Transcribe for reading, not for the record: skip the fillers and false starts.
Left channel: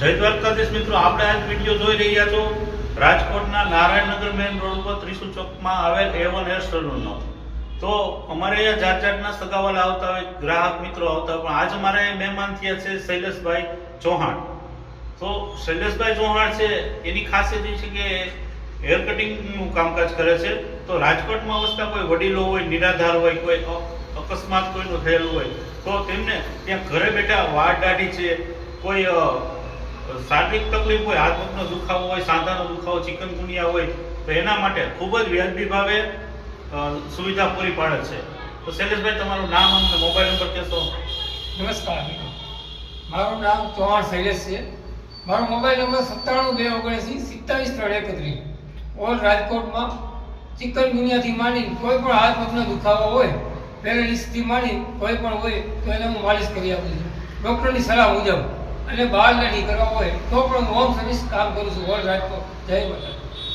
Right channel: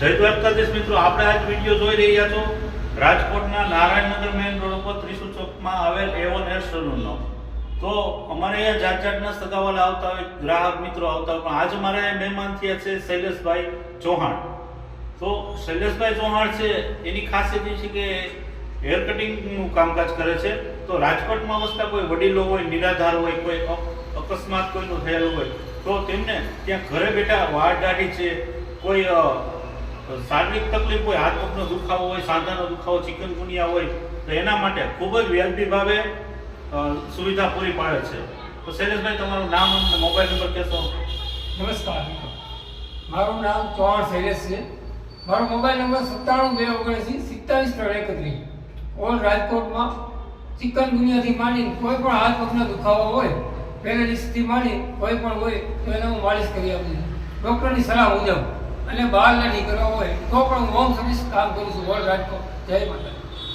જય દ્વારકાધીશ મિત્રો, આપણે આજ વિડીયો જોઈ રહ્યા છો રાજકોટના નારાયણનગર મેઇન રોડ પર ત્રિશુલ ચોકમાં આવેલ A1 હેર સલૂનનો. તો અમારે અહીંયા જાત જાતના સગાવાલા આવતા હોય, ગ્રાહક મિત્રો આવતા હોય, પણ આજ અમારે મહેમાન થયા છે શૈલેષભાઈ ચૌહાણ. તો શૈલેષભાઈ ચૌહાણ છે, એની ખાસિયત એ છે કે હેર કટિંગનું કામકાજ કરે છે. તો રાજકોટમાં વસતા કોઈ વડીલો હોય, નિરાધાર હોય, કોઈ અકસ્માત કોઈનું થયેલું હોય, તો તેમને ત્યાં ઘરે બેઠા વાળ દાઢી છે, કોઈ શારીરિક તકલીફ હોય, હાથ પગનો દુખાવો હોય, સાંધાનો દુખાવો, ચિકનગુનિયા હોય, તો એના માટે ખૂબ જ વ્યાજબી ભાવે સુવિધા પૂરી પાડે છે. તો શૈલેષભાઈ, તમારું નામ અને મોબાઈલ નંબર કહેશો? નમસ્કાર મિત્રો, મારું નામ ચૌહાણ શૈલેષ છે. મારો મોબાઈલ નંબર 97 279 47 ઓલ રાજકોટમાં ચિકનગુનિયાથી માંડી કોઈ પણ હાથ પગનો દુખાવો હોય, પેરાલિસિસથી માંડી કોઈ પણ હોય તો એને હું માલિશ કરી આપું છું ડૉક્ટરની સલાહ મુજબ. અને બહાર નથી કરવા હોય તો પણ હું હોમ સર્વિસ કામ કરું છું ઓલ રાજકોટ. જય માતા.